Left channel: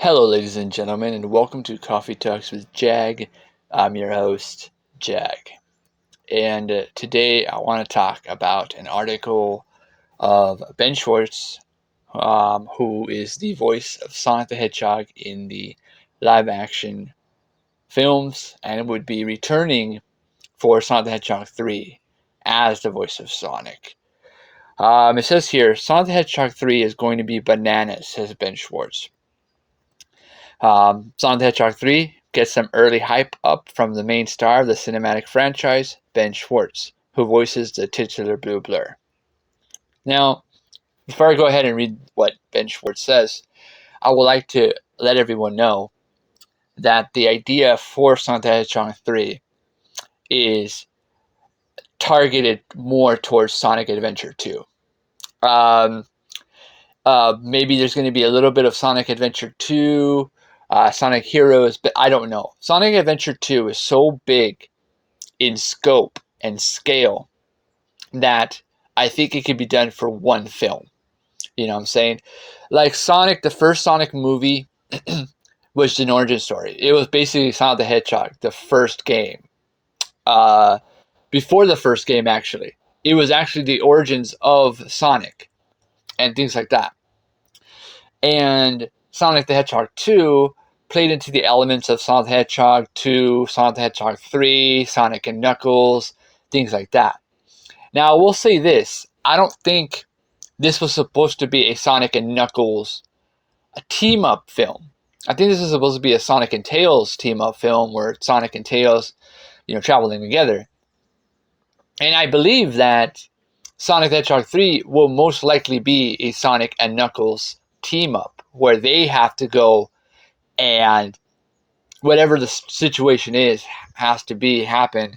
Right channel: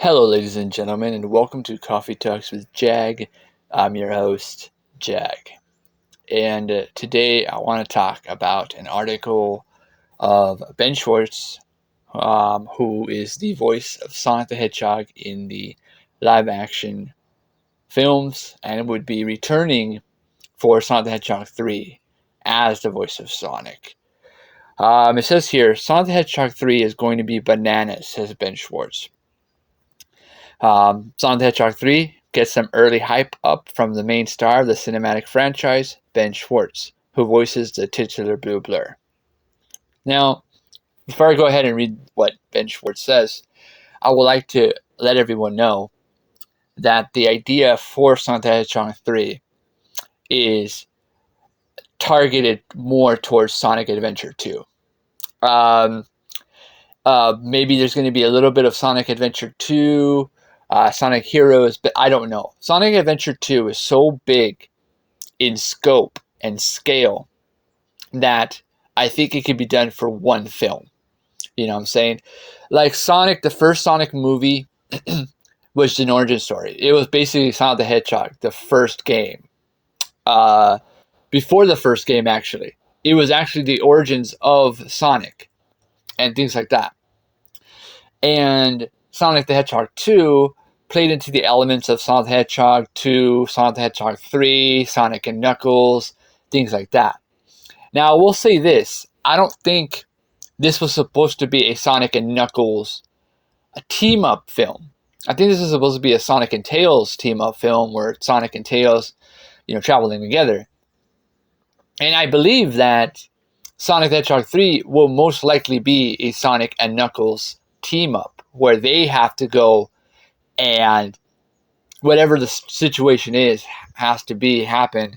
Hello, ladies and gentlemen, and welcome to Coffee Talks with JAG. I'm your host, JAG. And today I want to talk about an article of Ben Schwartz, who is the voice of Sonic the Hedgehog in the live action films and would be returning for Sonic the Hedgehog 3 as the voice of Sonic. It says here, Sonic the Hedgehog 3 is going to be bananas, says Ben Schwartz. Sonic the Hedgehog 3 gets some early hype up from the main star of the cinematic franchise, Ben Schwartz, who voices the titular Blue Blur. Now, before I go ahead and read what Ben Schwartz says, I would like to let everyone know that the idea for Sonic the Hedgehog 3 is targeted more towards Sonic Adventure 2. Maybe there's going to be a little bit of Sonic Adventure 2, Sonic Heroes, but I don't know. Sonic Adventure 2 is so big in scope and scale that I think it could be done for one film. You know what I'm saying? Like Sonic, the first Sonic movie was an origin story. It was basically Sonic the Hedgehog, the first game. Before the first game, actually. It was actually the origins of Sonic and things like that. And Sonic the Hedgehog 2 played into the elements of Sonic the Hedgehog 2, Sonic the Hedgehog 3, Sonic and Knuckles, things like that. Now, I will say this. I don't think this was supposed to be a Sonic and Knuckles team-up film. I think this was supposed to be a Sonic and Tails team-up film where Sonic and Tails, traveling together. And I believe that Sonic the Hedgehog 3 will most likely be a Sonic and Knuckles team-up where they have to go and whatever the situation is has to happen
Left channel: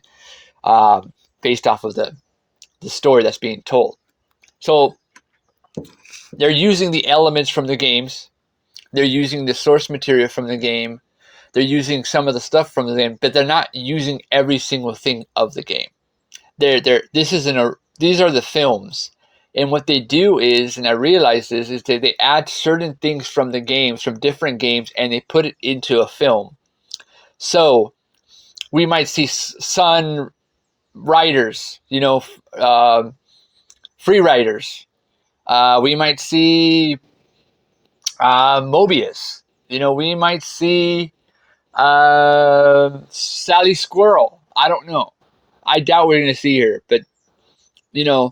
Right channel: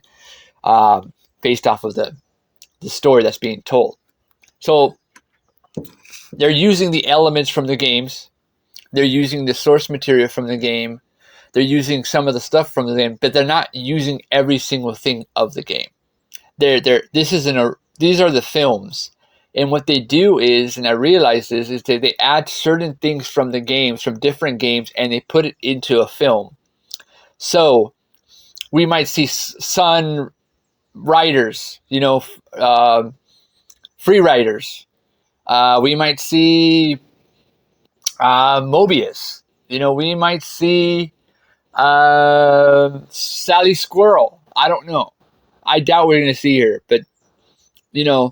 based off of the story that's being told. So they're using the elements from the games. They're using the source material from the game. They're using some of the stuff from the game, but they're not using every single thing of the game. These are the films. And what they do is, and I realize this, is that they add certain things from the games, from different games, and they put it into a film. So we might see Sun Riders, Free Riders. We might see Mobius. We might see Sally Squirrel. I don't know. I doubt we're going to see her, but the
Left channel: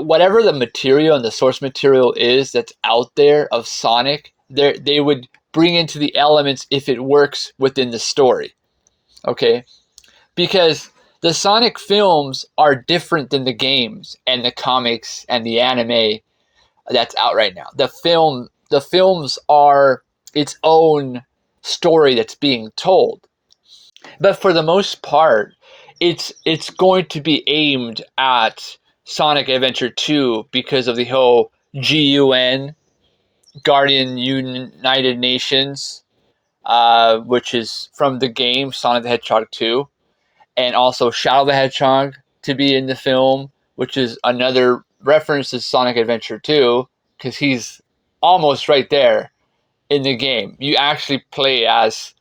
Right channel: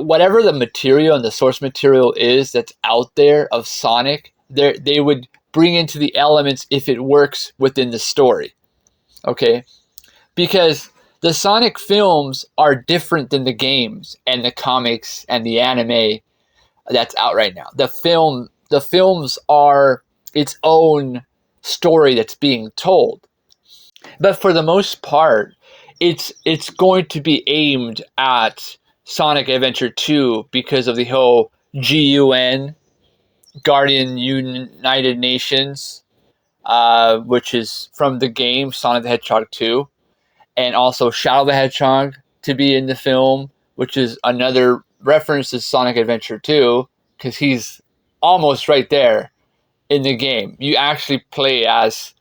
whatever the material and the source material is that's out there of Sonic, they would bring into the elements if it works within the story. Okay? Because the Sonic films are different than the games and the comics and the anime that's out right now. The films are its own story that's being told. But for the most part, it's going to be aimed at Sonic Adventure 2 because of the whole GUN, Guardian United Nations, which is from the game Sonic the Hedgehog 2, and also Shadow the Hedgehog to be in the film, which is another reference to Sonic Adventure 2 because he's almost right there in the game. You actually play as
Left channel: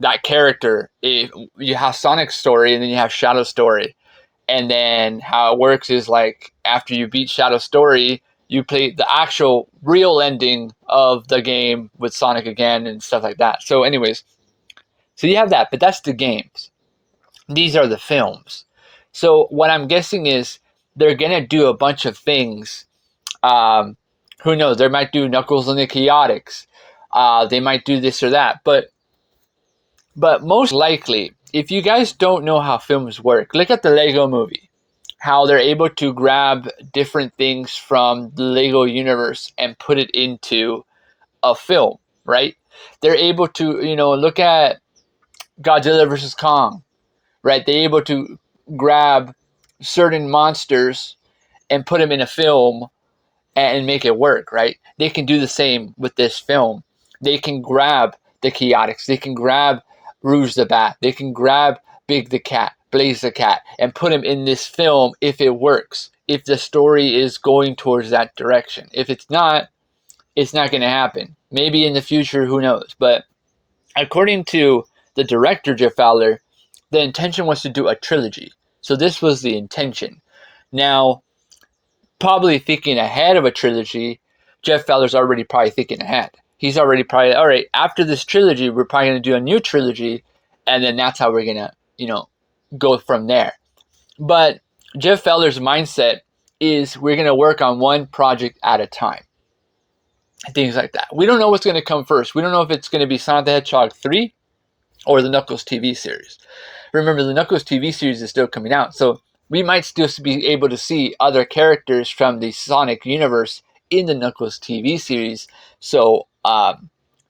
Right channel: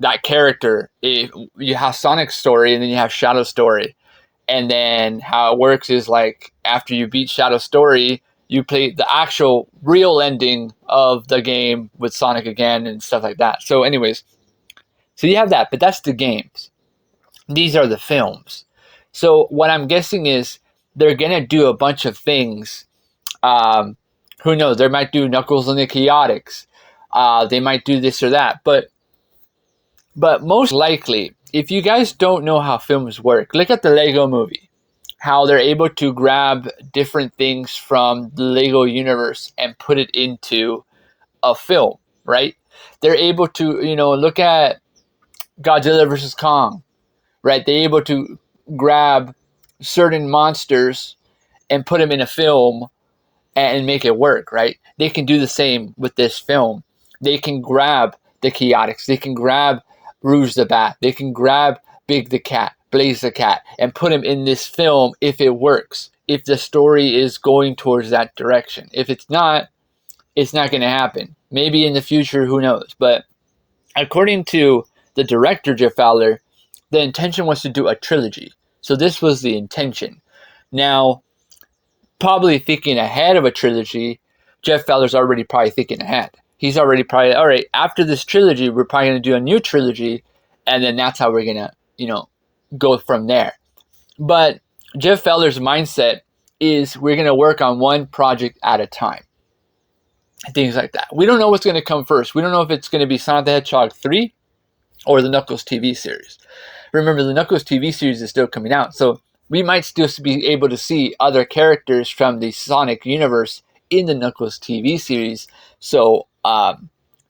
that character. You have Sonic's story and then you have Shadow's story. And then how it works is like after you beat Shadow's story, you play the actual real ending of the game with Sonic again and stuff like that. So anyways, so you have that, but that's the games. These are the films. So what I'm guessing is they're going to do a bunch of things. Who knows? They might do Knuckles and the Chaotix. They might do this or that. But most likely, if you guys don't know how films work, look at the Lego movie. How they're able to grab different things from the Lego universe and put it into a film, right? They're able to, look at Godzilla vs. Kong, right? They're able to grab certain monsters and put them in a film and make it work, right? They can do the same with this film. They can grab the Chaotix. They can grab Rouge the Bat. They can grab Big the Cat, Blaze the Cat, and put him in this film if it works. If the story is going towards that direction. If it's not, it's not going to happen. Maybe in the future, who knows? But according to the director, Jeff Fowler, the intention was to do a trilogy. So this was the intention. Now, probably thinking ahead of a trilogy, Jeff Fowler's already probably thinking ahead. He's already probably, all right, after this trilogy, we're probably going to do a new trilogy, and then that's how we're going to, go from there. But Jeff Fowler's mindset is we're going to work on one project at a time. Things like that. We don't know what's going to come first. We don't know if it's going to be Sonic the Hedgehog 3 or the Knuckles TV series. Remember, the Knuckles TV series is still coming out, so we might still be able to see other characters from the Sonic universe in the Knuckles TV series. So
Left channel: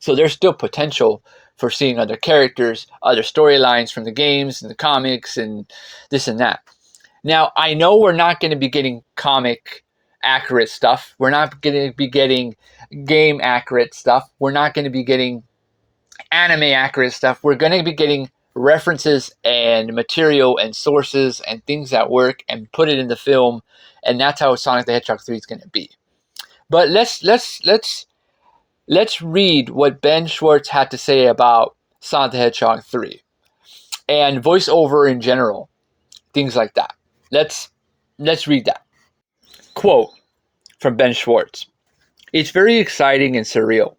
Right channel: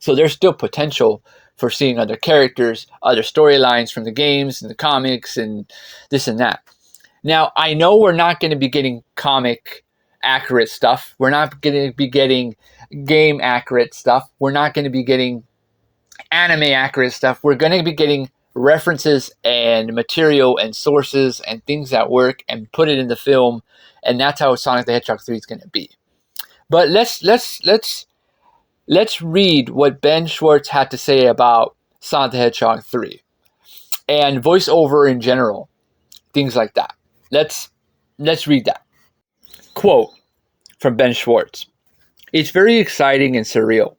there's still potential for seeing other characters, other storylines from the games and the comics and this and that. Now, I know we're not going to be getting comic accurate stuff. We're not going to be getting game accurate stuff. We're not going to be getting anime accurate stuff. We're going to be getting references and material and sources and things that work and put it in the film, and that's how Sonic the Hedgehog 3 is going to be. But let's read what Ben Schwartz had to say about Sonic the Hedgehog 3 and voiceover in general, things like that. Let's read that. Quote from Ben Schwartz. It's very exciting and surreal.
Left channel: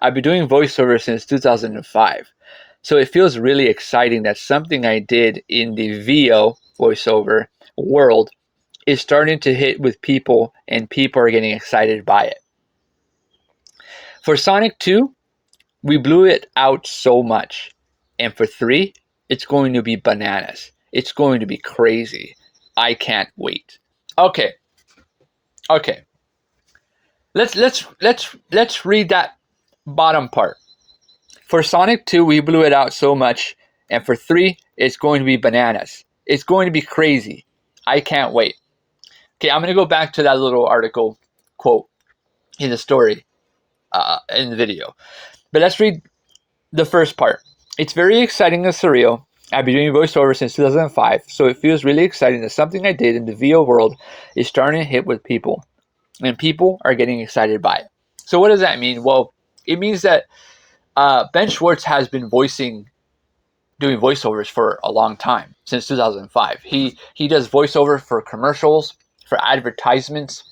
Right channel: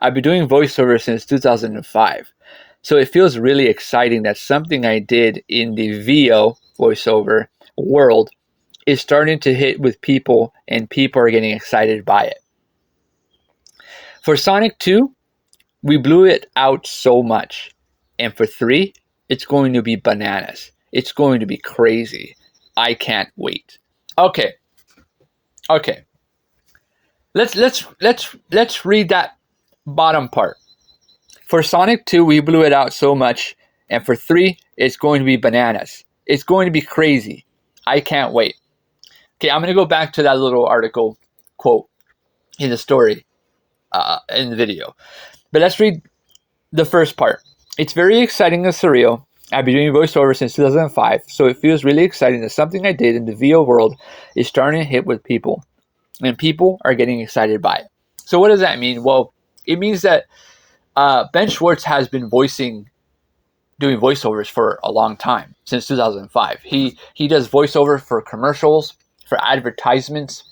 I've been doing voiceover since 2005, so it feels really exciting that something I did in the VO voiceover world is starting to hit with people and people are getting excited by it. For Sonic 2, we blew it out so much. And for 3, it's going to be bananas. It's going to be crazy. I can't wait. Okay. Let's read that bottom part. For Sonic 2, we blew it out so much, and for 3, it's going to be bananas. It's going to be crazy. I can't wait. Okay, I'm going to go back to that little article quote in the story, in the video. But let's read the first part. It's very exciting and surreal. I've been doing voiceover since 2005, so it feels really exciting that something I did in the VO world is starting to hit with people, and people are getting excited by it. So what does that mean? Well, it means that Ben Schwartz has been doing voiceovers for a long time, since 2005. He does voiceover for commercials, for advertisements,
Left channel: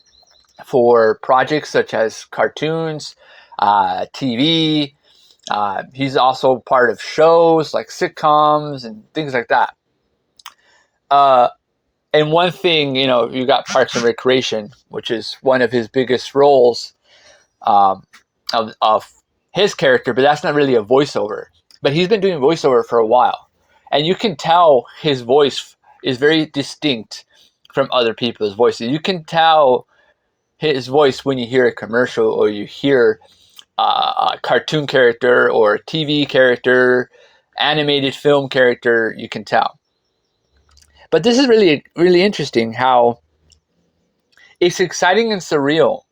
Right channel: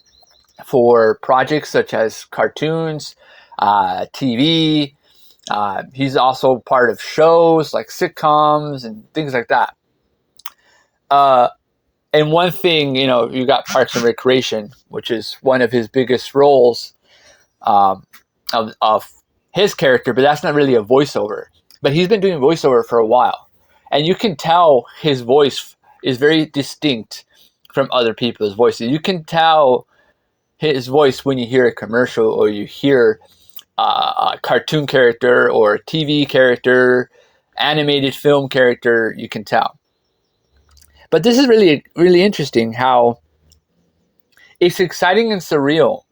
for projects such as cartoons, TV. He's also part of shows like sitcoms and things like that. And one thing, you got Parks and Recreation, which is one of his biggest roles of his character, but that's not really a voiceover. But he's been doing voiceover for a while. And you can tell his voice is very distinct from other people's voices. You can tell his voice when you hear a commercial or you hear a cartoon character or a TV character, animated film character, you can tell. But this is really, really interesting how it's exciting and surreal.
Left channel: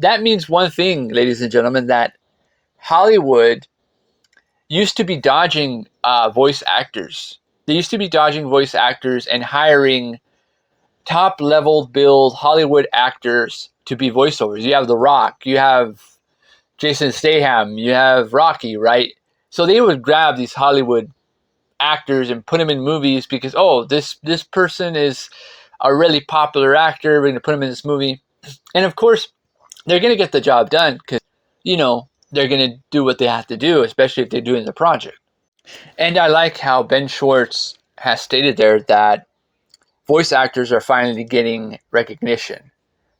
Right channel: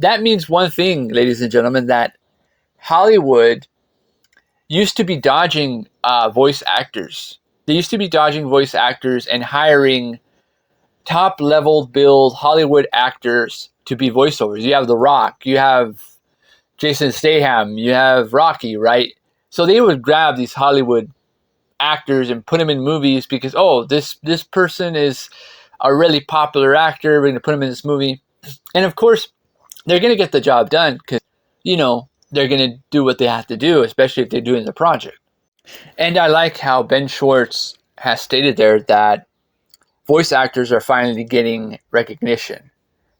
That means one thing, ladies and gentlemen, that Hollywood used to be dodging voice actors. They used to be dodging voice actors and hiring top-level billed Hollywood actors to be voiceovers. You have The Rock, you have Jason Statham, you have Rocky, right? So they would grab these Hollywood actors and put them in movies because, this person is a really popular actor. We're going to put him in this movie. And of course, they're going to get the job done because, they're going to do what they have to do, especially if they're doing the project. And I like how Ben Schwartz has stated there that voice actors are finally getting recognition.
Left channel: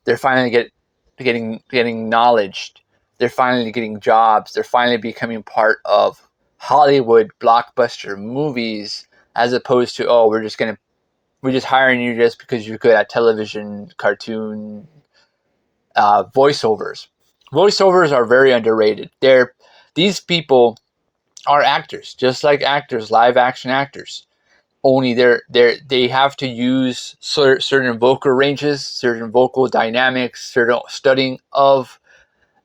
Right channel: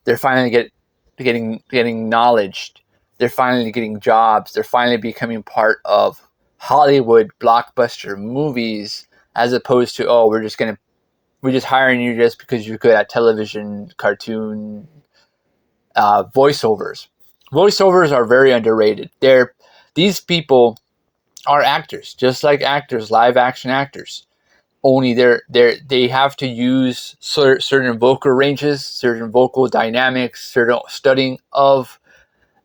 They're finally getting acknowledged. They're finally getting jobs. They're finally becoming part of Hollywood blockbuster movies, as opposed to, we're just hiring you just because you're good at television, cartoon, voiceovers. Voiceovers are very underrated. These people are actors, just like actors, live action actors. Only they have to use certain vocal ranges, certain vocal dynamics, certain studying of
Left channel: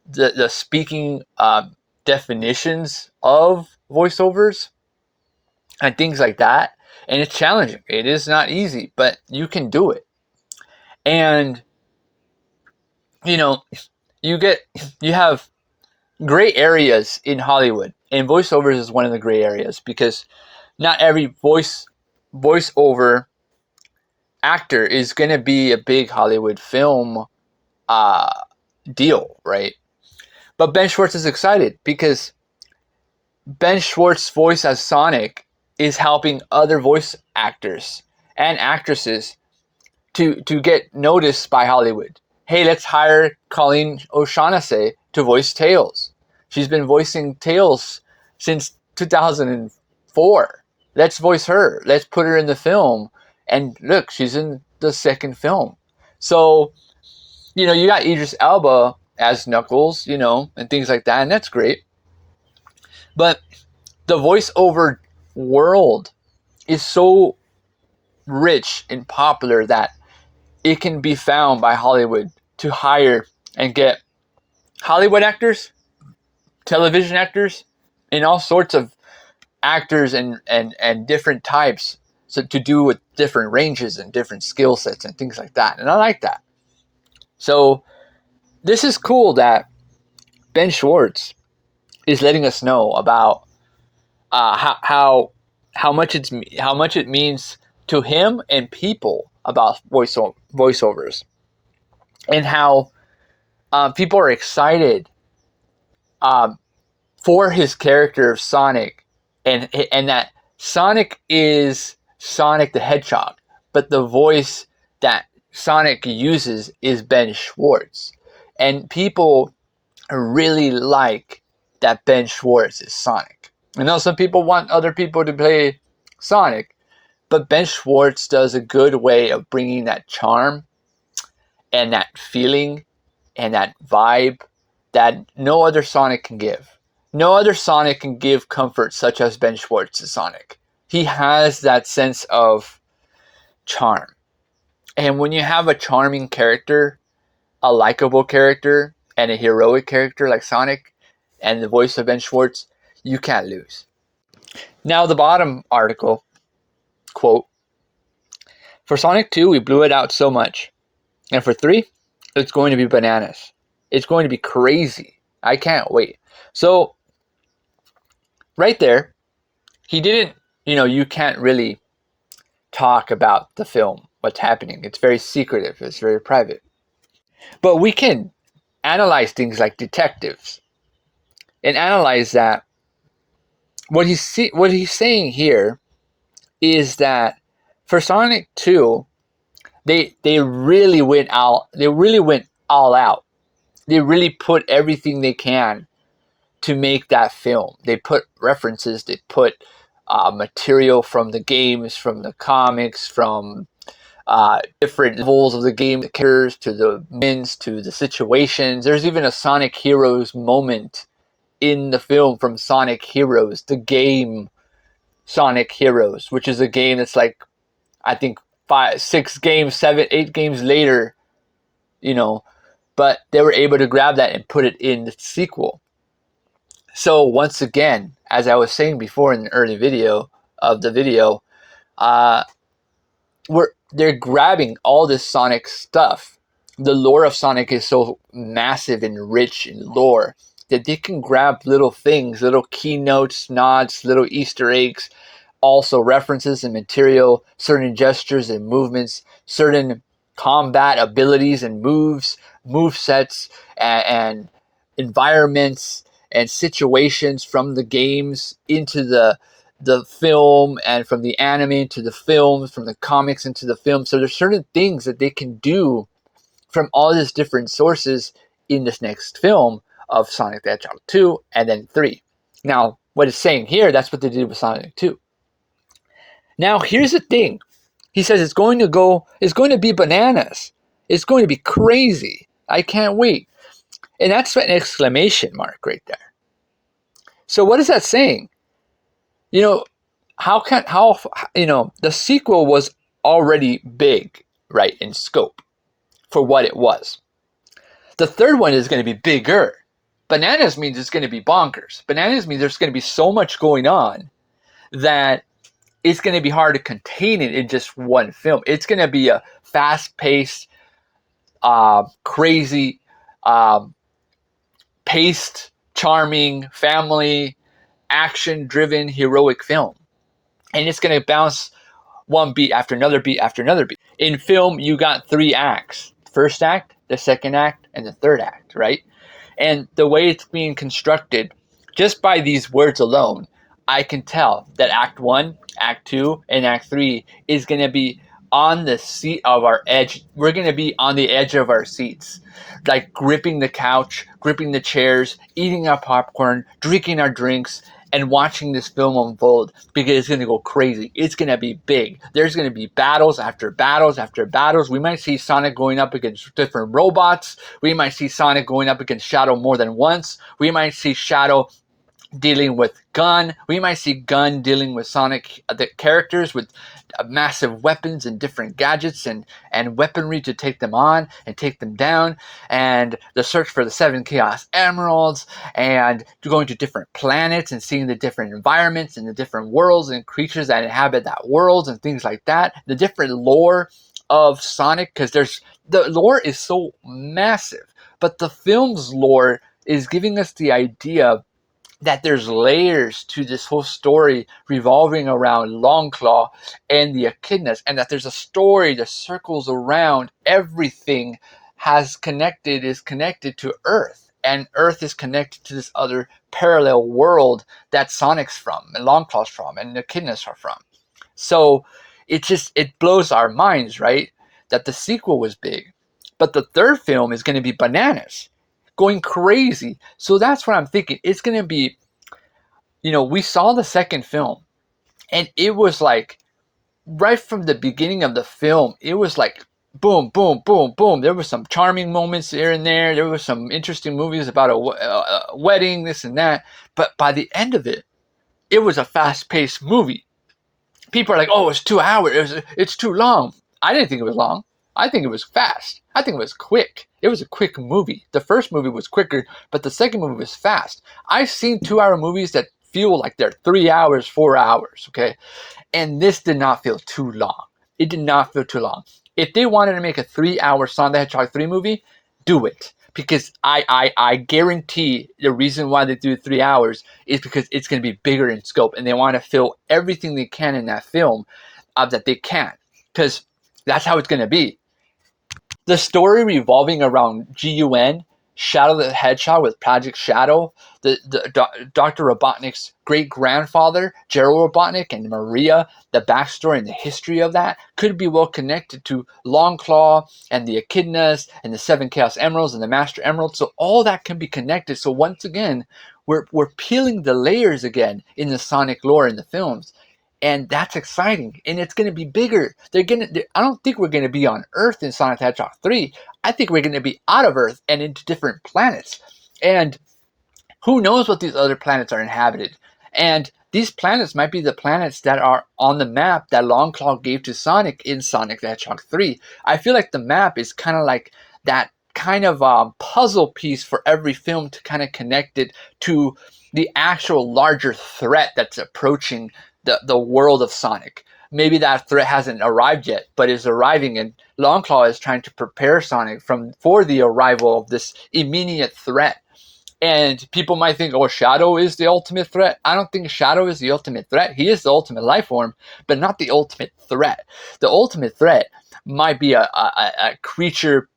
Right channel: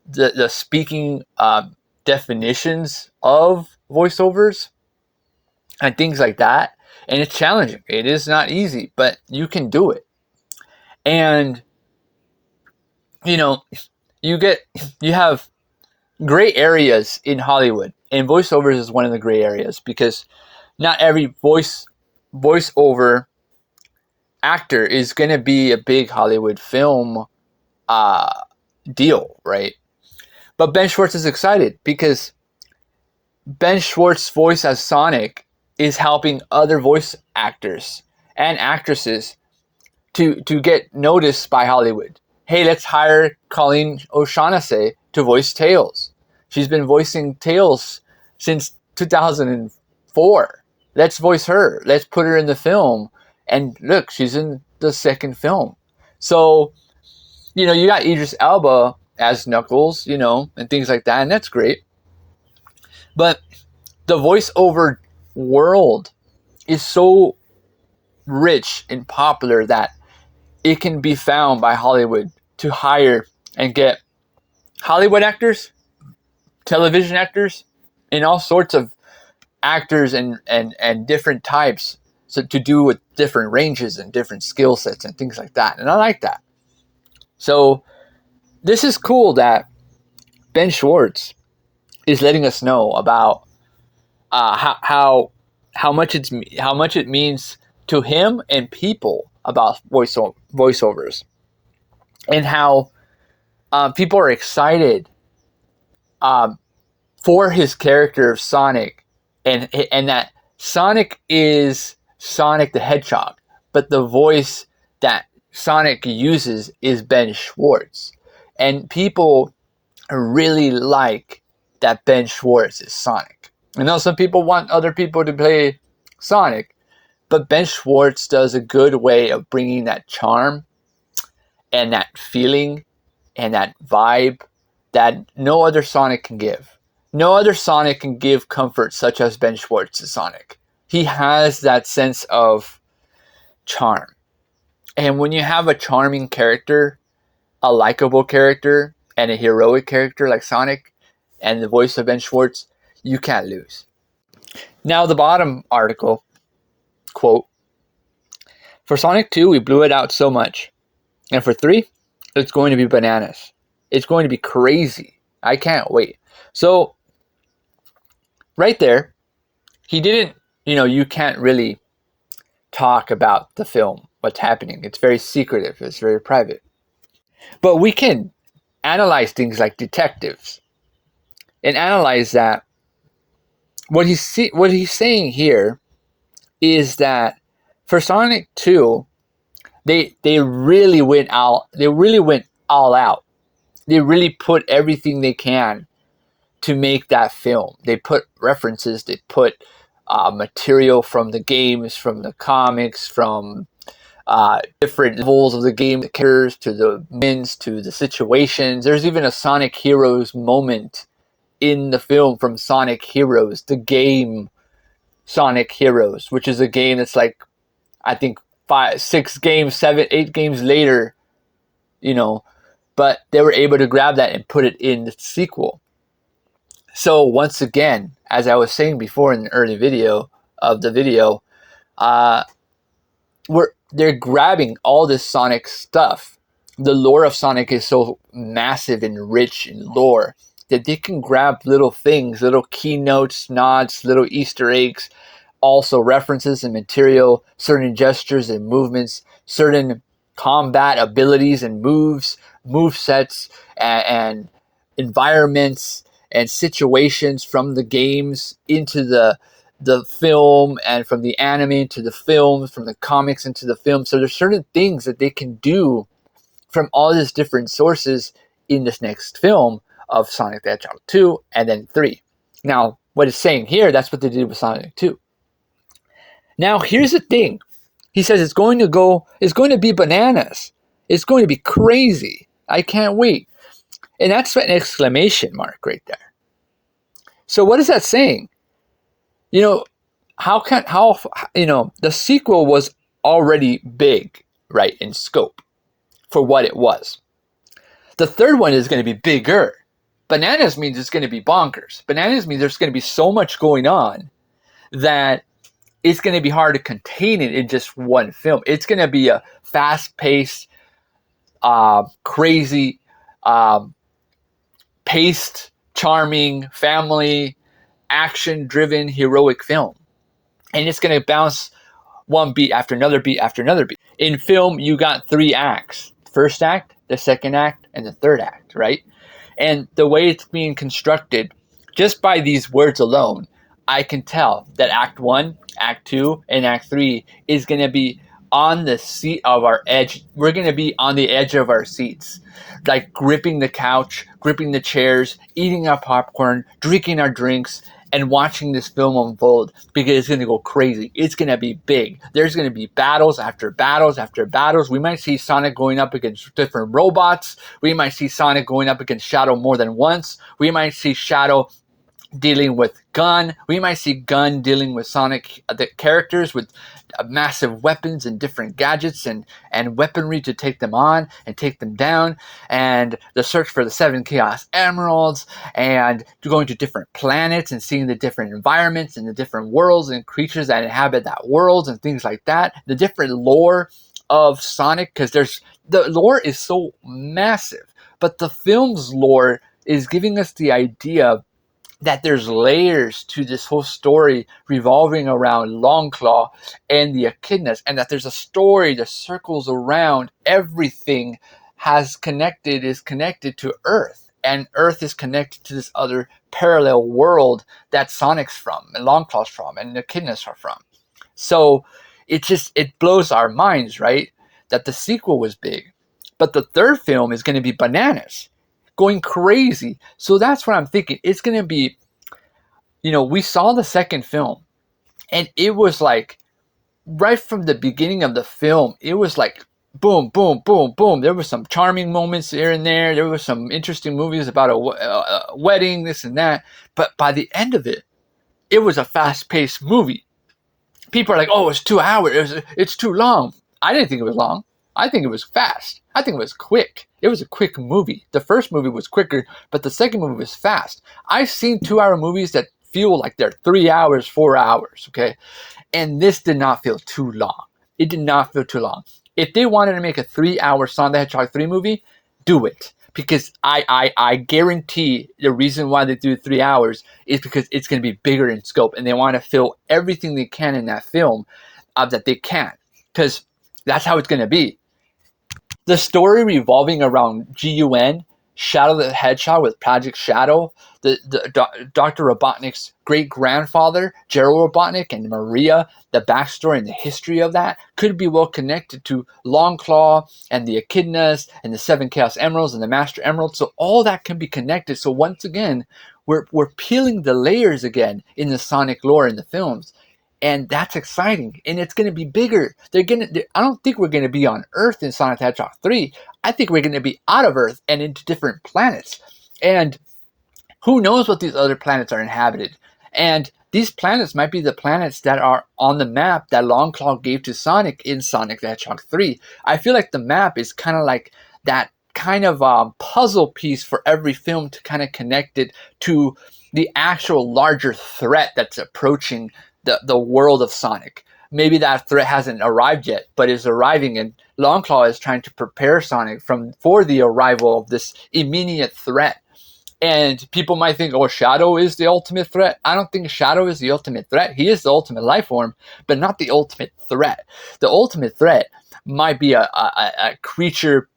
the speaking definitions of voiceovers and things like that. And it's challenging. It is not easy, but you can do it. And you know, you have gray areas in Hollywood, and voiceovers is one of the gray areas because not every voiceover actor is going to be a big Hollywood film uh, deal, right? But Ben Schwartz is excited because Ben Schwartz's voice as Sonic is helping other voice actors and actresses to get noticed by Hollywood. Hey, let's hire Colleen O'Shaughnessy to voice Tails. She's been voicing Tails since 2004. Let's voice her. Let's put her in the film. And look, she's in the second film. So, you got Idris Elba as Knuckles, and things like that, and that's great. But the voiceover world is so rich and popular that it can be found by Hollywood to hire and get Hollywood actors, television actors, and all sorts of actors and different types, so to do with different ranges and different skill sets and things like that. And I like that. So this is cool that Ben Schwartz is letting us know about how much it means to him and people about voiceovers, and how people are excited for his character of Sonic, and that Sonic is Sonic the Hedgehog, but the voice that Sonic uses is Ben Schwartz, and people really like that Ben Schwartz is Sonic. I know some people want other people to play Sonic, but Ben Schwartz does a good way of bringing that charm and that feeling and that vibe that no other Sonic can give. No other Sonic can give comfort such as Ben Schwartz's Sonic. He has that sense of charm. And when you have a charming character, a likable character, and a heroic character like Sonic, and the voice of Ben Schwartz, you can't lose. Now, the bottom article, quote, "For Sonic 2, we blew it out so much. And for 3, it's going to be bananas. It's going to be crazy. I can't wait." So, right there, he didn't, you can't really talk about the film, what's happening. It's very secretive. It's very private. But we can analyze things like detectives and analyze that. What he's saying here is that for Sonic 2, they really went all out. They really put everything they can to make that film. They put references, they put material from the games, from the comics, from different levels of the game, the characters, to the wins, to the situations. There's even a Sonic Heroes moment in the film from Sonic Heroes, the game Sonic Heroes, which is a game that's like, I think 5, 6 games, 7, 8 games later, but they were able to grab that and put it in the sequel. So once again, as I was saying before in the early video of the video, they're grabbing all this Sonic stuff. The lore of Sonic is so massive and rich in lore that they can grab little things, little keynotes, nods, little Easter eggs, also references and material, certain gestures and movements, certain combat abilities and moves, move sets, and environments and situations from the games into the film, and from the anime to the films, from the comics into the film. So there's certain things that they can do from all these different sources in this next film of Sonic the Hedgehog 2 and then 3. Now, what it's saying here, that's what they did with Sonic 2. Now, here's the thing. He says it's going to be bananas. It's going to be crazy. I can't wait. And that's an exclamation mark right there. So what is that saying? The sequel was already big, right, in scope for what it was. The third one is going to be bigger. Bananas means it's going to be bonkers. Bananas means there's going to be so much going on that it's going to be hard to contain it in just one film. It's going to be a fast-paced, crazy um, paced, charming, family, action-driven, heroic film. And it's going to bounce one beat after another beat after another beat. In film, you got 3 acts. First act, the second act, and the third act, right? And the way it's being constructed, just by these words alone, I can tell that Act 1, Act 2, and Act 3 is going to be on the seat of our edge. We're going to be on the edge of our seats, like gripping the couch, gripping the chairs, eating our popcorn, drinking our drinks, and watching this film unfold, because it's going to go crazy. It's going to be big. There's going to be battles after battles after battles. We might see Sonic going up against different robots. We might see Sonic going up against Shadow more than once. We might see Shadow dealing with Gun. We might see Gun dealing with Sonic, the characters with massive weapons and different gadgets and weaponry to take them on and take them down, and the search for the 7 Chaos Emeralds, and going to different planets and seeing the different environments and the different worlds and creatures that inhabit that world and things like that. The different lore of Sonic, because the lore is so massive, but the film's lore is giving us the idea that there's layers to this whole story revolving around Longclaw and the echidnas, and that there's a story that circles around everything is connected to Earth, and Earth is connected to this other parallel world that Sonic's from, and Longclaw's from, and the echidnas are from. So it blows our minds, right? That the sequel was big, but the third film is going to be bananas, going crazy. So that's what I'm thinking. It's going to be, we saw the second film, and it was like, right from the beginning of the film, it was like, boom, boom, boom, boom. There were some charming moments here and there. There were some interesting movies about a wedding, this and that. But by the end of it, it was a fast-paced movie. People are like, oh, it's 2 hours. It's too long. I didn't think it was long. I think it was fast. I think it was quick. It was a quick movie. The first movie was quicker, but the second movie was fast. I've seen 2-hour movies that feel like they're 3 hours, 4 hours, okay? And this did not feel too long. It did not feel too long. If they wanted to make a 3-hour Sonic the Hedgehog 3 movie, do it. Because I guarantee the reason why they do 3 hours is because it's going to be bigger in scope, and they want to fill everything they can in that film that they can. Because that's how it's going to be. The story revolving around GUN, Shadow the Hedgehog with Project Shadow, Dr. Robotnik's great-grandfather, Gerald Robotnik, and Maria, the backstory and the history of that could be well connected to Longclaw and the Echidnas and the 7 Chaos Emeralds and the Master Emerald. So all that can be connected. So once again, we're peeling the layers again in the Sonic lore in the films. And that's exciting, and it's going to be bigger. I don't think we're going to be on Earth in Sonic the Hedgehog 3. I think we're going to be out of Earth and into different planets. And who knows what these other planets are inhabited. And these planets might be the planets that are on the map that Longclaw gave to Sonic in Sonic the Hedgehog 3. I feel like the map is kind of like that kind of puzzle piece for every film to kind of connect it to the actual larger threat that's approaching the world of Sonic. Maybe that threat hasn't arrived yet, but is arriving, and Longclaw is trying to prepare Sonic for the arrival of this immediate threat. And people might think, oh, Shadow is the ultimate threat. I don't think Shadow is the ultimate threat. He is the ultimate life form, but not the ultimate threat. The ultimate threat might be a creature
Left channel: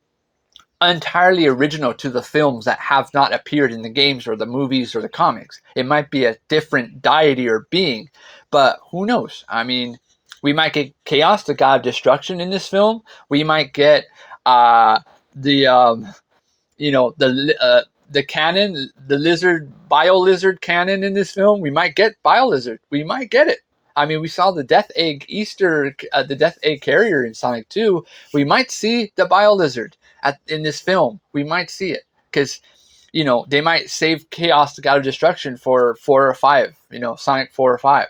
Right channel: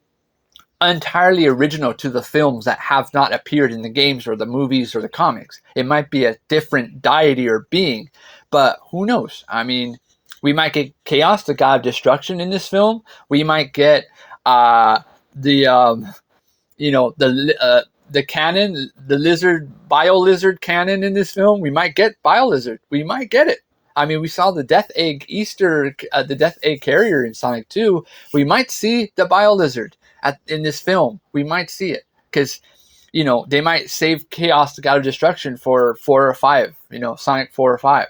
entirely original to the films that have not appeared in the games or the movies or the comics. It might be a different deity or being, but who knows? I mean, we might get Chaos, the god of destruction, in this film. We might get the canon, the bio-lizard canon in this film. We might get bio-lizard. We might get it. I mean, we saw the Death Egg the Death Egg carrier in Sonic 2. We might see the bio-lizard in this film. We might see it because, they might save Chaos, the god of destruction, for 4 or 5. Sonic 4 or 5.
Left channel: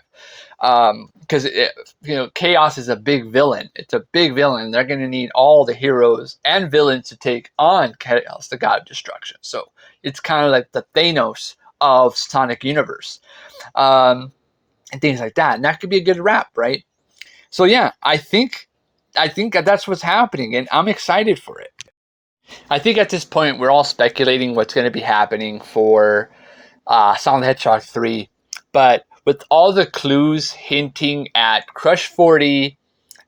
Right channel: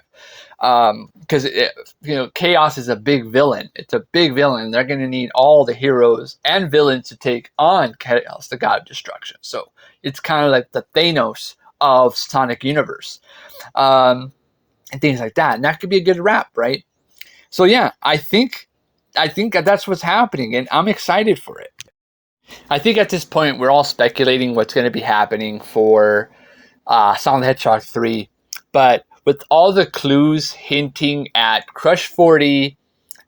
Because Chaos is a big villain. It's a big villain. They're going to need all the heroes and villains to take on Chaos, the god of destruction. So it's kind of like the Thanos of Sonic universe, and things like that. And that could be a good wrap, right? So yeah, I think that's what's happening, and I'm excited for it. I think at this point we're all speculating what's going to be happening for Sonic the Hedgehog 3, but with all the clues hinting at Crush 40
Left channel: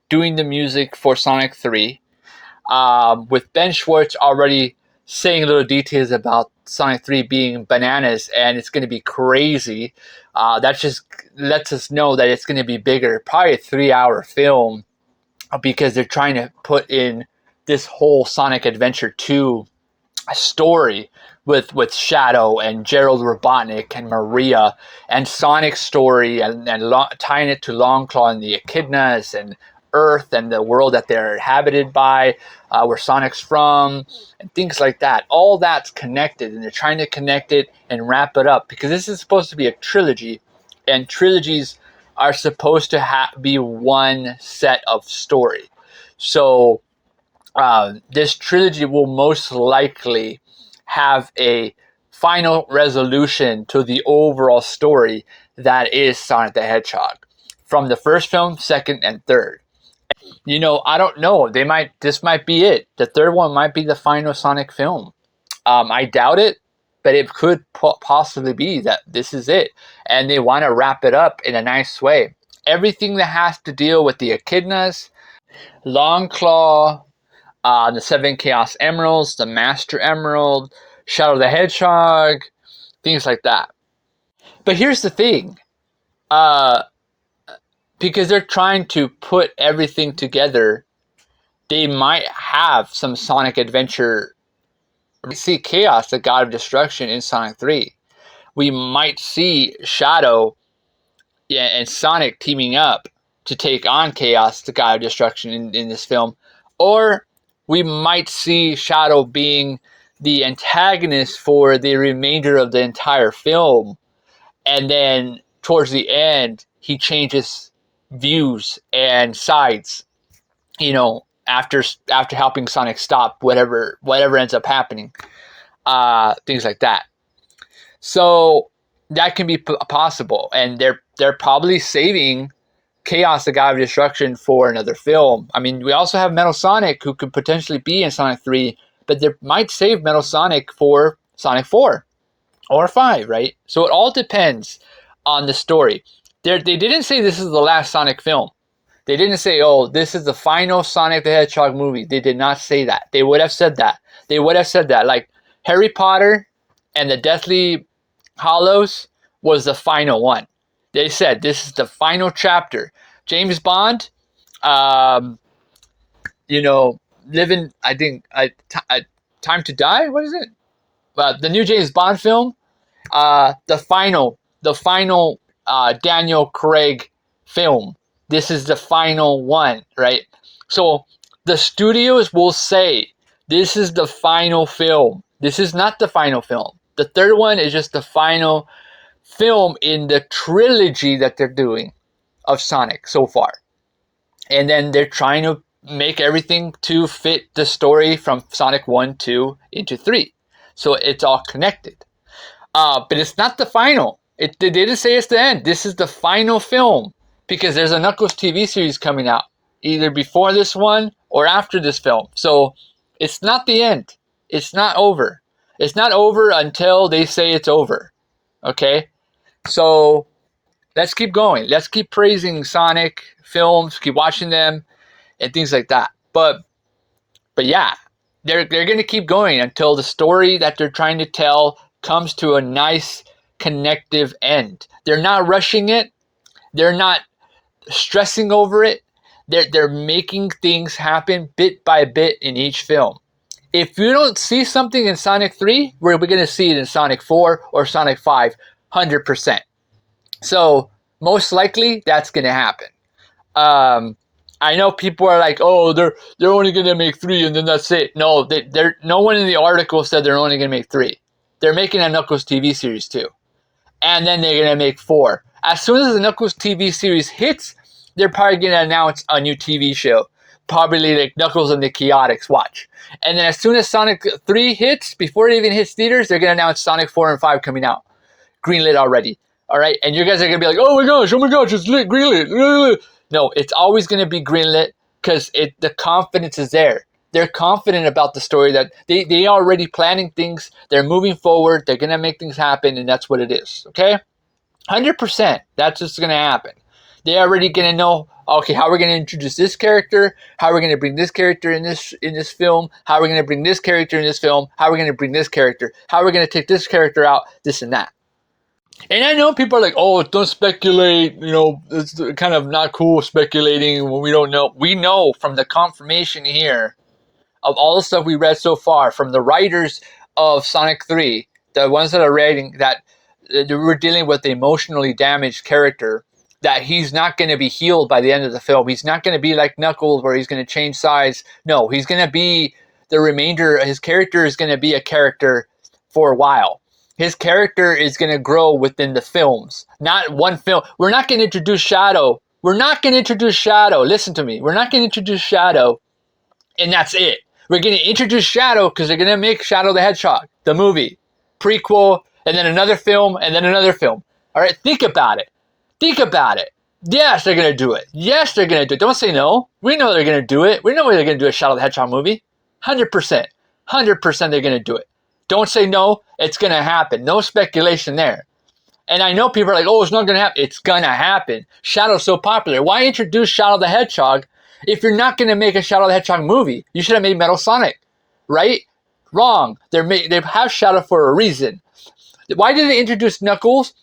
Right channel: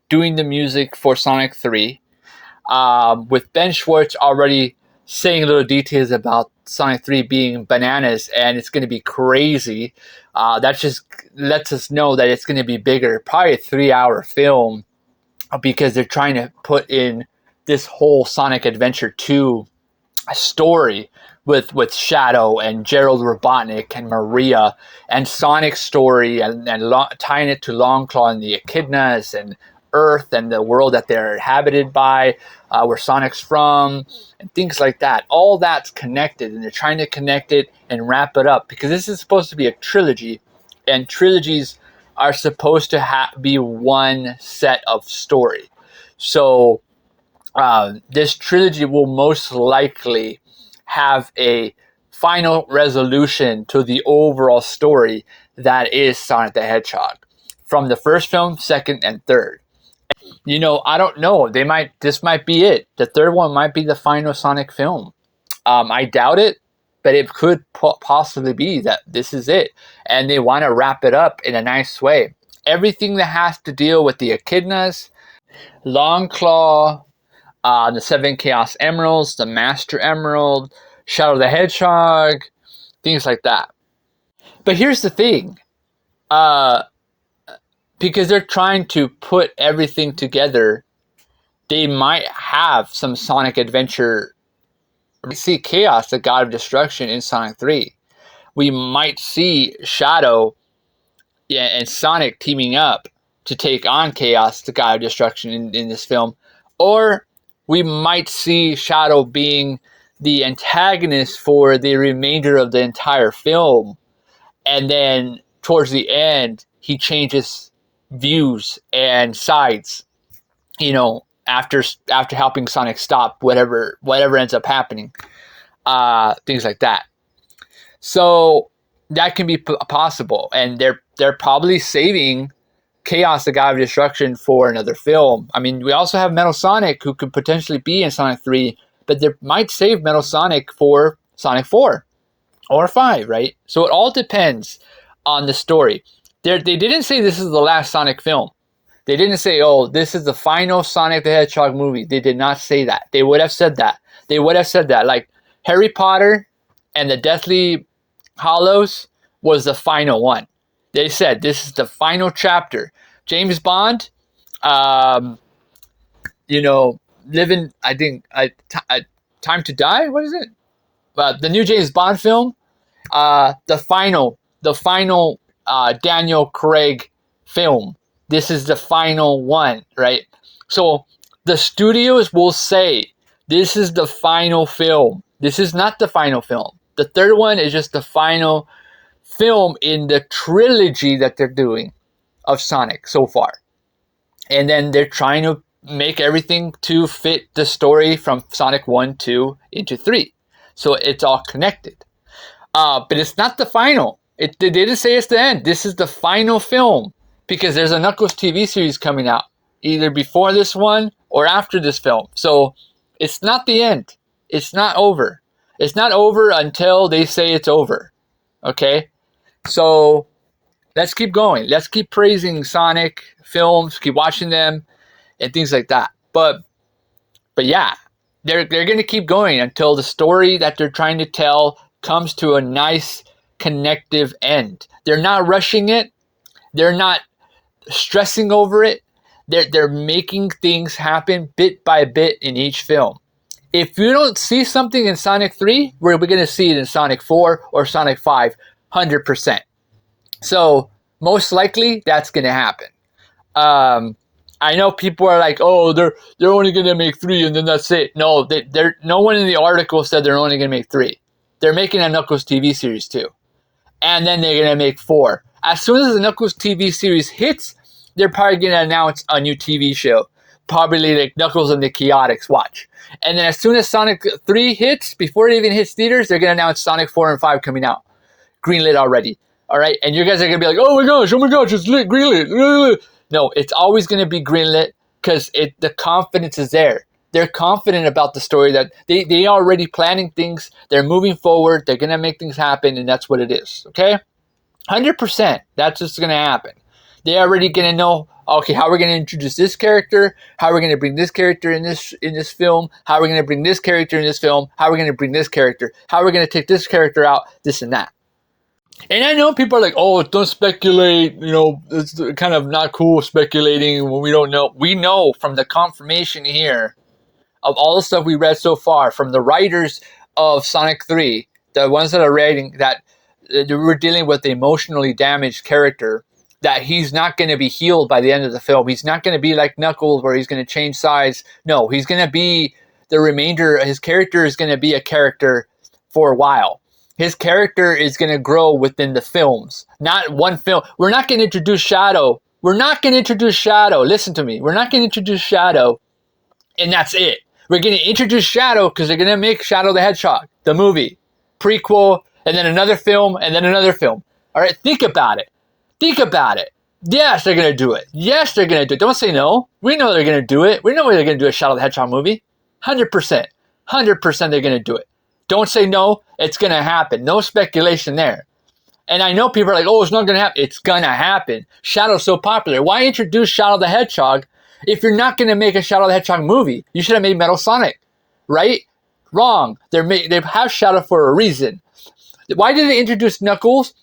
doing the music for Sonic 3, with Ben Schwartz already saying little details about Sonic 3 being bananas and it's going to be crazy, that just lets us know that it's going to be bigger, probably a 3-hour film, because they're trying to put in this whole Sonic Adventure 2 story with Shadow and Gerald Robotnik and Maria and Sonic's story and tying it to Longclaw and the Echidnas and Earth and the world that they're inhabited by, where Sonic's from, and things like that. All that's connected, and they're trying to connect it and wrap it up because this is supposed to be a trilogy, and trilogies are supposed to be one set of story. So this trilogy will most likely have a final resolution to the overall story that is Sonic the Hedgehog from the first film, second, and third. I don't know. This might be it. The third one might be the final Sonic film. I doubt it, but it could possibly be that this is it. And they want to wrap it up in a nice way. Everything that has to deal with the Echidnas, Longclaw, the 7 Chaos Emeralds, the Master Emerald, Shadow the Hedgehog, things like that. But here's the thing. Because they're trying to put everything together, they might have some Sonic Adventure. We see Chaos, the God of Destruction, in Sonic 3. We might see Shadow and Sonic teaming up to take on Chaos, the God of Destruction, in this film. Or we might see Shadow being the antagonist for the remainder of the entire film. And then towards the end, he changes views and sides, after helping Sonic stop whatever ends up happening, things like that. So that can be possible, and they're probably saving Chaos, the God of Destruction, for another film. I mean, we also have Metal Sonic, who could potentially be in Sonic 3, but they might save Metal Sonic for Sonic 4 or 5, right? So it all depends on the story. They didn't say this is the last Sonic film. They didn't say, oh, this is the final Sonic the Hedgehog movie. They did not say that. They would have said that. Like Harry Potter and the Deathly Hallows was the final one. They said this is the final chapter. James Bond, living, I think, Time to Die. What is it? The new James Bond film. The final Daniel Craig film. This is the final one, right? So the studios will say this is the final film. This is not the final film. The third one is just the final film in the trilogy that they're doing of Sonic so far. And then they're trying to make everything to fit the story from Sonic 1, 2 into 3. So it's all connected. But it's not the final. They didn't say it's the end. This is the final film because there's a Knuckles TV series coming out either before this one or after this film. So it's not the end. It's not over. It's not over until they say it's over. Okay? So let's keep going. Let's keep praising Sonic films, keep watching them, and things like that. But yeah, they're going to keep going until the story that they're trying to tell comes to a nice connective end. They're not rushing it. They're not stressing over it. They're making things happen bit by bit in each film. If you don't see something in Sonic 3, we're going to see it in Sonic 4 or Sonic 5, 100%. So most likely that's going to happen. I know people are like, oh, they're only going to make 3 and then that's it. No, no one in the article said they're only going to make 3. They're making a Knuckles TV series too. And then they're going to make 4. As soon as the Knuckles TV series hits, they're probably going to announce a new TV show. Probably like Knuckles and the Chaotix, watch. And then as soon as Sonic 3 hits, before it even hits theaters, they're going to announce Sonic 4 and 5 coming out. Greenlit already. All right? And you guys are going to be like, oh my gosh, it's greenlit. No, it's always going to be greenlit because the confidence is there. They're confident about the story, that they are already planning things. They're moving forward. They're going to make things happen, and that's what it is. Okay? 100%. That's what's going to happen. They're already going to know, okay, how are we going to introduce this character? How are we going to bring this character in this film? How are we going to bring this character in this film? How are we going to bring this character? How are we going to take this character out? This and that. And I know people are like, oh, don't speculate. You know, it's kind of not cool speculating when we don't know. We know from the confirmation here of all the stuff we read so far from the writers of Sonic 3, the ones that are writing that we're dealing with the emotionally damaged character, that he's not going to be healed by the end of the film. He's not going to be like Knuckles where he's going to change size. No, he's going to be the remainder. His character is going to be a character for a while. His character is going to grow within the films, not one film. We're not going to introduce Shadow. We're not going to introduce Shadow. Listen to me. We're not going to introduce Shadow, and that's it. We're going to introduce Shadow because they're going to make Shadow the Hedgehog, the movie, prequel, and then another film, and then another film. All right, think about it. Think about it. Yes, they're going to do it. Yes, they're going to do it. Don't say no. We know they're going to do it. We know they're going to do a Shadow the Hedgehog movie. 100%. 100% they're going to do it. Don't say no. It's going to happen. No speculation there. And I know people are like, oh, it's not going to happen. It's going to happen. Shadow's so popular. Why introduce Shadow the Hedgehog if you're not going to make a Shadow the Hedgehog movie? You should have made Metal Sonic, right? Wrong. They have Shadow for a reason. Why did they introduce Knuckles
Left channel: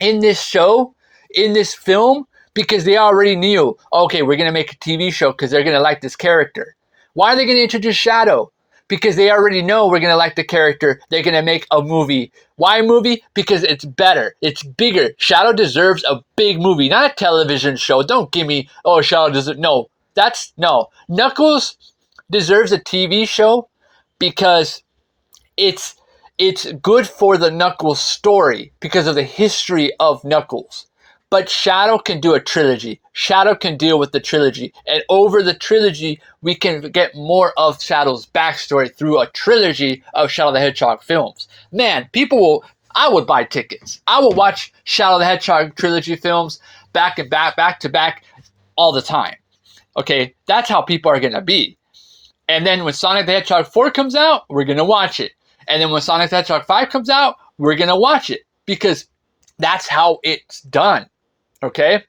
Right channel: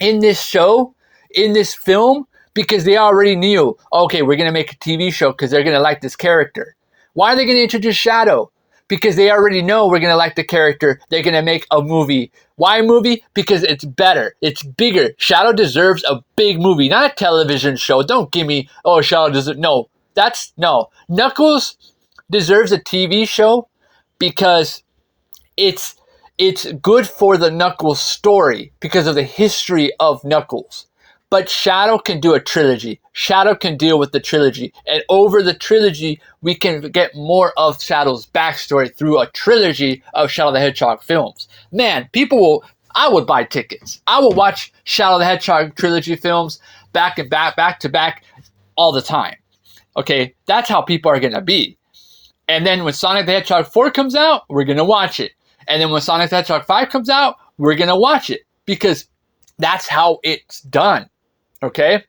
in this show, in this film? Because they already knew, okay, we're going to make a TV show because they're going to like this character. Why are they going to introduce Shadow? Because they already know we're going to like the character. They're going to make a movie. Why a movie? Because it's better. It's bigger. Shadow deserves a big movie, not a television show. Don't give me, oh, Shadow deserves, no. No. Knuckles deserves a TV show because it's good for the Knuckles story because of the history of Knuckles. But Shadow can do a trilogy. Shadow can deal with the trilogy. And over the trilogy, we can get more of Shadow's backstory through a trilogy of Shadow the Hedgehog films. Man, I would buy tickets. I would watch Shadow the Hedgehog trilogy films back to back all the time. Okay, that's how people are going to be. And then when Sonic the Hedgehog 4 comes out, we're going to watch it. And then when Sonic the Hedgehog 5 comes out, we're going to watch it. Because that's how it's done. Okay?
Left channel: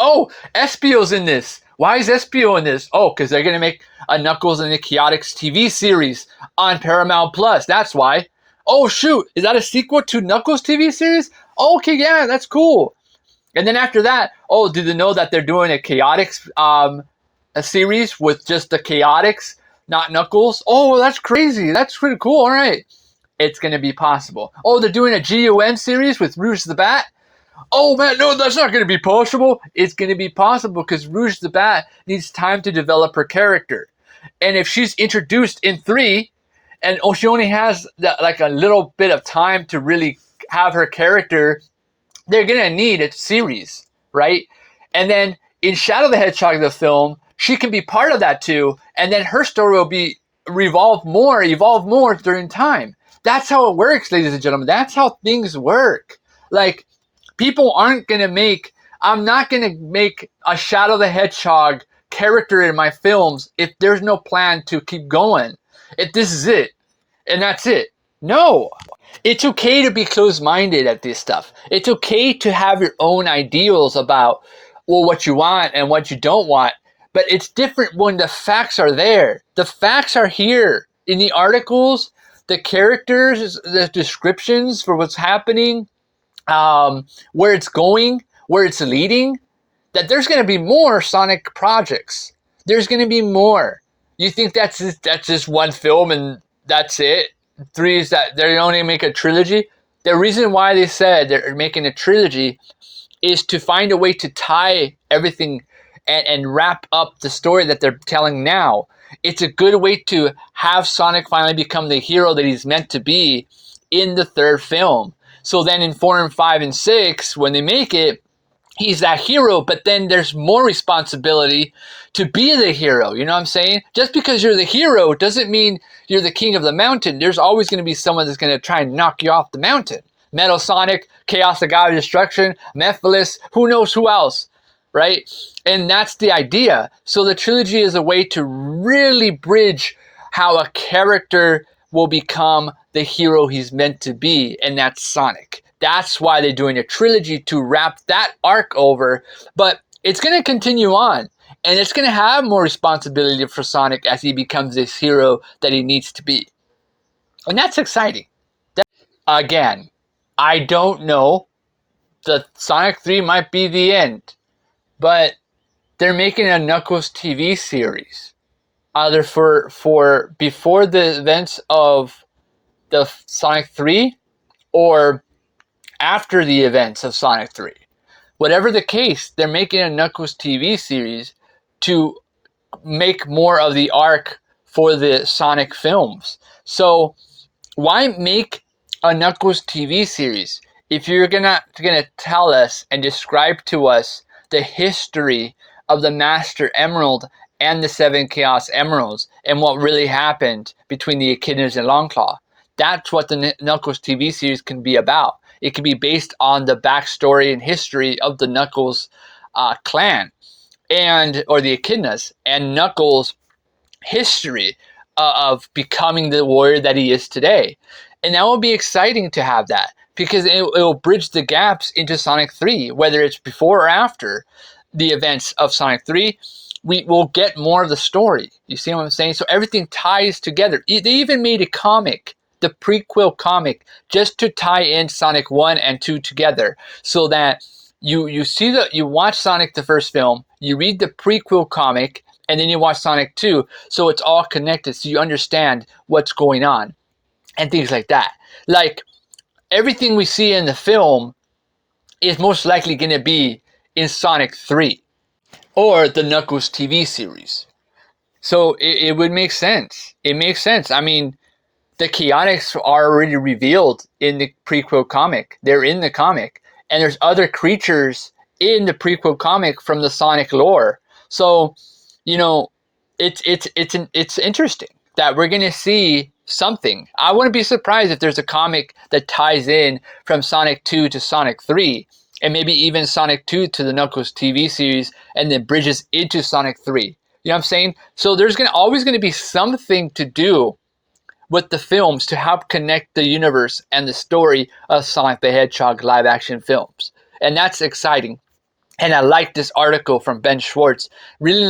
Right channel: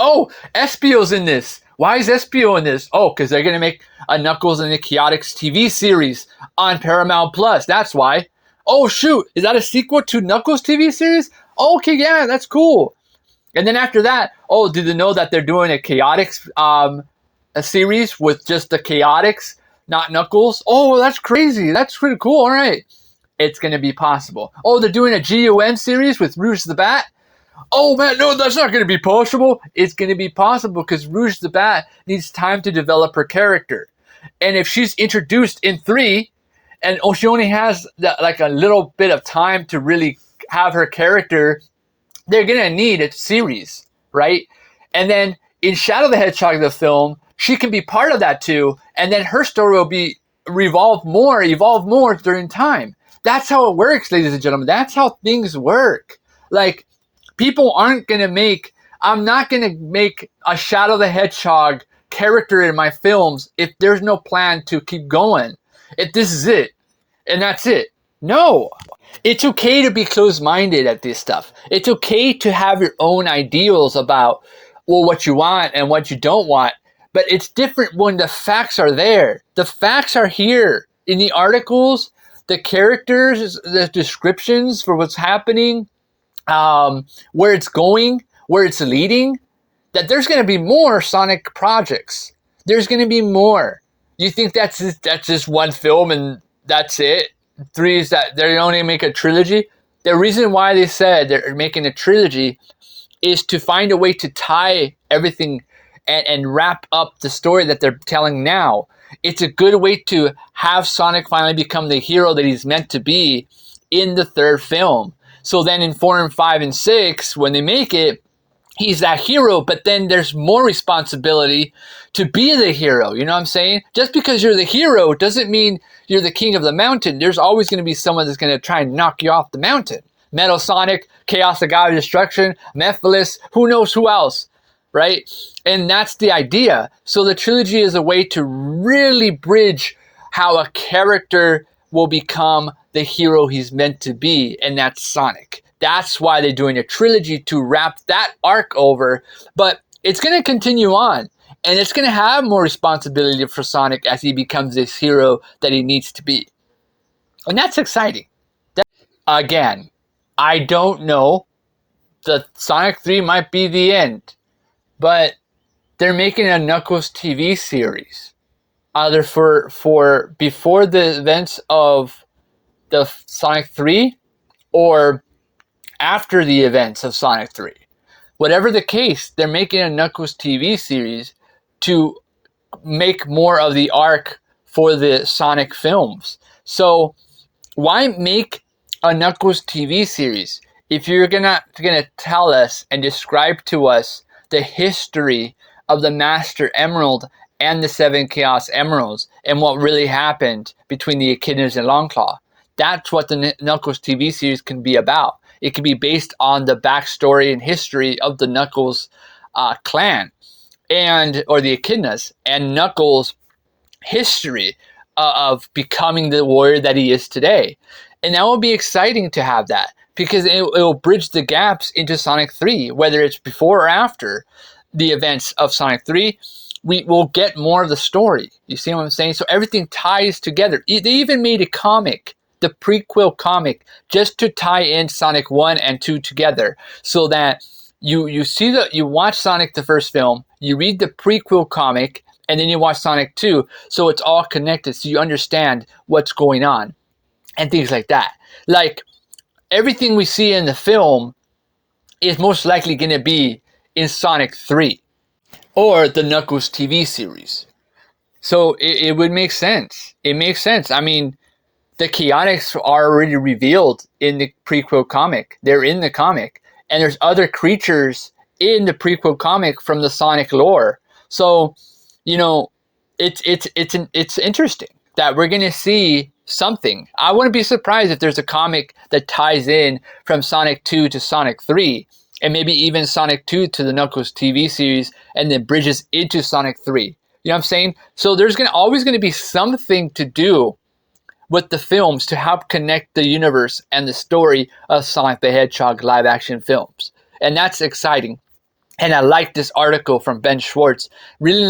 Oh, Espio's in this. Why is Espio in this? Oh, because they're going to make a Knuckles and the Chaotix TV series on Paramount Plus. That's why. Oh, shoot. Is that a sequel to Knuckles TV series? Oh, okay, yeah, that's cool. And then after that, oh, do they know that they're doing a Chaotix a series with just the Chaotix, not Knuckles? Oh, that's crazy. That's pretty cool. All right. It's going to be possible. Oh, they're doing a GUN series with Rouge the Bat? Oh, man, no, that's not going to be possible. It's going to be possible because Rouge the Bat needs time to develop her character. And if she's introduced in 3, and she only has like a little bit of time to really have her character, they're going to need a series, right? And then in Shadow the Hedgehog, the film, she can be part of that too. And then her story will be evolve more during time. That's how it works, ladies and gentlemen. That's how things work. Like, people aren't going to I'm not going to make a Shadow the Hedgehog character in my films if there's no plan to keep going. If this is it, and that's it. No. It's okay to be closed-minded at this stuff. It's okay to have your own ideals about, well, what you want and what you don't want. But it's different when the facts are there. The facts are here in the articles, the characters, the descriptions for what's happening, where it's going, where it's leading, that there's going to be more Sonic projects. There's going to be more. You think that's just one film and that's it? 3 is that they're only make a trilogy? The reason why they said they're making a trilogy is to find a way to tie everything and wrap up the story that they're telling now. It's a good way to have Sonic finally become the hero that he's meant to be in the 3rd film. So then in 4 and 5 and 6, when they make it, he's that hero, but then there's more responsibility to be the hero. You know what I'm saying? Just because you're the hero doesn't mean you're the king of the mountain. There's always going to be someone that's going to try and knock you off the mountain. Metal Sonic, Chaos the God of Destruction, Mephiles, who knows who else. right? And that's the idea. So the trilogy is a way to really bridge how a character will become the hero he's meant to be, and that's Sonic. That's why they're doing a trilogy, to wrap that arc over. But it's going to continue on, and it's going to have more responsibility for Sonic as he becomes this hero that he needs to be. And that's exciting. Again, I don't know. The Sonic 3 might be the end, but they're making a Knuckles TV series, either for before the events of the Sonic 3 or after the events of Sonic 3. Whatever the case, they're making a Knuckles TV series to make more of the arc for the Sonic films. So why make a Knuckles TV series if you're gonna tell us and describe to us the history of the Master Emerald and the 7 Chaos Emeralds and what really happened between the Echidnas and Longclaw? That's what the Knuckles TV series can be about. It can be based on the backstory and history of the Knuckles clan or the Echidnas, and Knuckles' history of becoming the warrior that he is today. And that will be exciting to have that, because it will bridge the gaps into Sonic 3, whether it's before or after the events of Sonic 3. We will get more of the story. You see what I'm saying? So everything ties together. They even made a comic, the prequel comic, just to tie in Sonic 1 and 2 together, so that you watch Sonic the first film, you read the prequel comic, and then you watch Sonic 2, so it's all connected, so you understand what's going on and things like that. Like, everything we see in the film is most likely going to be in Sonic 3 or the Knuckles TV series. So it would make sense. It makes sense. I mean, the Chaotix are already revealed in the prequel comic. They're in the comic. And there's other creatures in the prequel comic from the Sonic lore. So, you know, it's interesting that we're going to see something. I wouldn't be surprised if there's a comic that ties in from Sonic 2 to Sonic 3, and maybe even Sonic 2 to the Knuckles TV series, and then bridges into Sonic 3. You know what I'm saying? So there's always going to be something to do with the films to help connect the universe and the story of Sonic the Hedgehog live action films. And that's exciting. And I like this article from Ben Schwartz, really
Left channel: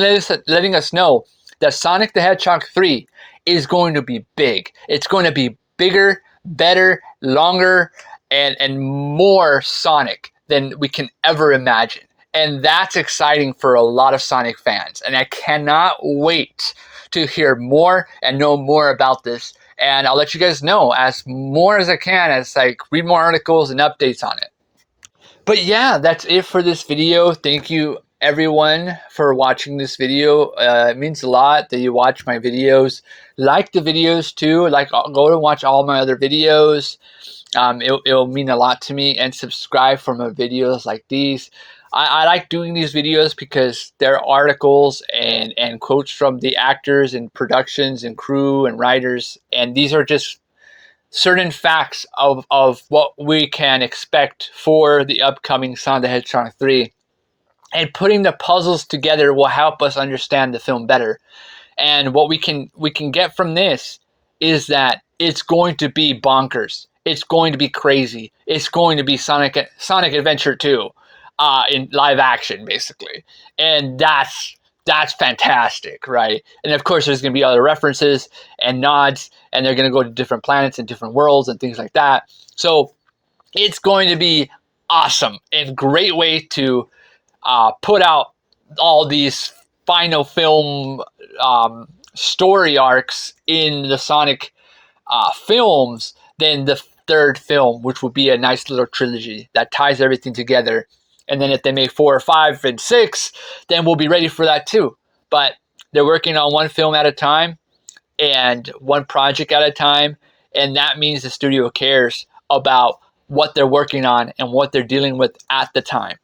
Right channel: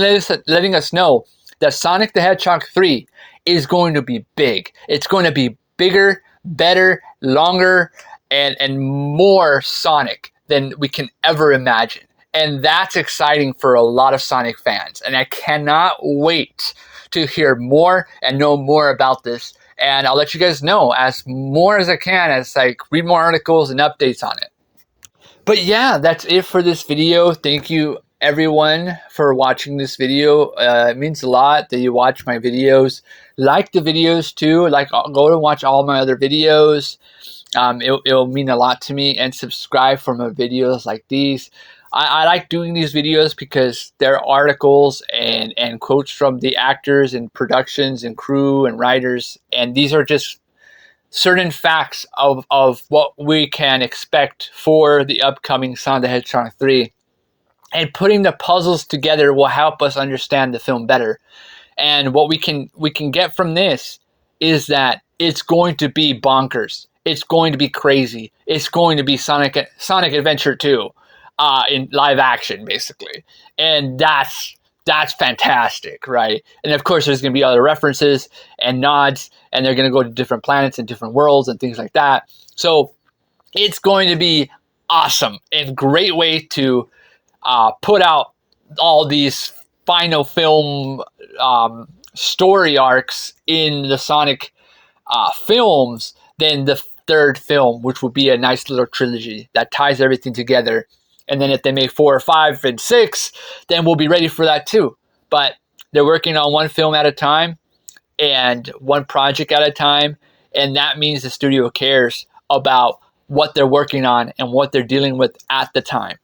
letting us know that Sonic the Hedgehog 3 is going to be big. It's going to be bigger, better, longer, and more Sonic than we can ever imagine. And that's exciting for a lot of Sonic fans. And I cannot wait to hear more and know more about this. And I'll let you guys know as more as I can, as I read more articles and updates on it. But yeah, that's it for this video. Thank you everyone for watching this video. It means a lot that you watch my videos. Like the videos too. Go and watch all my other videos. It'll mean a lot to me. And subscribe for more videos like these. I like doing these videos because they're articles and quotes from the actors and productions and crew and writers. And these are just certain facts of what we can expect for the upcoming Sonic the Hedgehog 3. And putting the puzzles together will help us understand the film better. And what we can get from this is that it's going to be bonkers. It's going to be crazy. It's going to be Sonic Adventure 2 in live action, basically. And that's fantastic, right? And of course, there's going to be other references and nods, and they're going to go to different planets and different worlds and things like that. So it's going to be awesome and great way to put out all these final film story arcs in the Sonic films. Then the third film, which would be a nice little trilogy that ties everything together. And then if they make 4 or 5 and 6, then we'll be ready for that too. But they're working on one film at a time and one project at a time. And that means the studio cares about what they're working on and what they're dealing with at the time.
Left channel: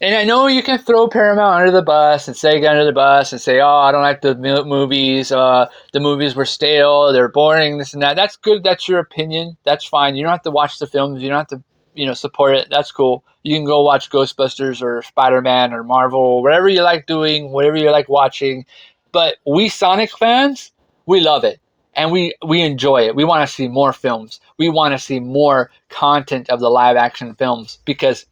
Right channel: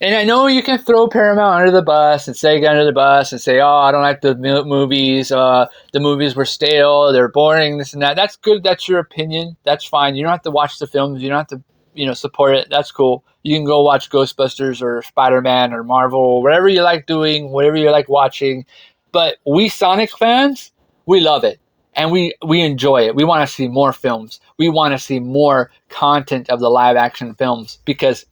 And I know you can throw Paramount under the bus and Sega under the bus and say, oh, I don't like the movies. The movies were stale. They're boring, this and that. That's good. That's your opinion. That's fine. You don't have to watch the films. You don't have to support it. That's cool. You can go watch Ghostbusters or Spider-Man or Marvel, whatever you like doing, whatever you like watching. But we Sonic fans, we love it. And we enjoy it. We want to see more films. We want to see more content of the live action films because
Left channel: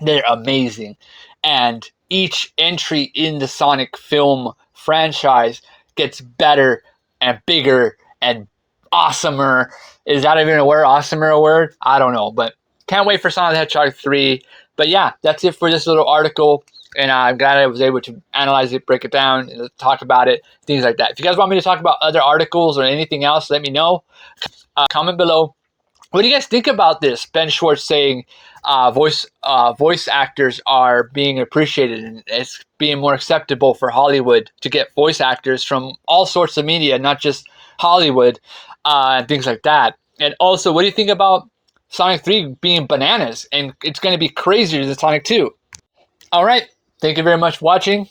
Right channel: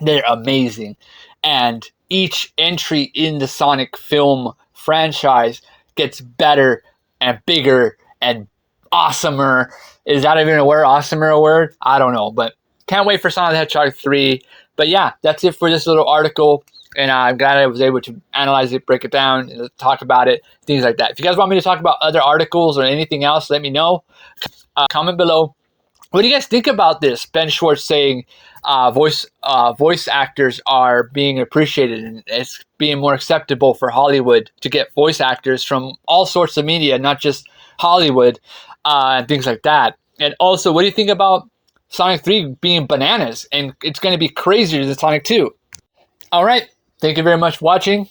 they're amazing. And each entry in the Sonic film franchise gets better and bigger and awesomer. Is that even a word? Awesomer a word? I don't know. But can't wait for Sonic the Hedgehog 3. But yeah, that's it for this little article. And I'm glad I was able to analyze it, break it down, and talk about it, things like that. If you guys want me to talk about other articles or anything else, let me know. Comment below. What do you guys think about this? Ben Schwartz saying voice actors are being appreciated and it's being more acceptable for Hollywood to get voice actors from all sorts of media, not just Hollywood, and things like that. And also, what do you think about Sonic 3 being bananas and it's going to be crazier than Sonic 2? All right. Thank you very much for watching.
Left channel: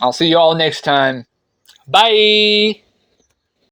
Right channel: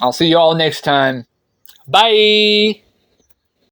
I'll see you all next time. Bye.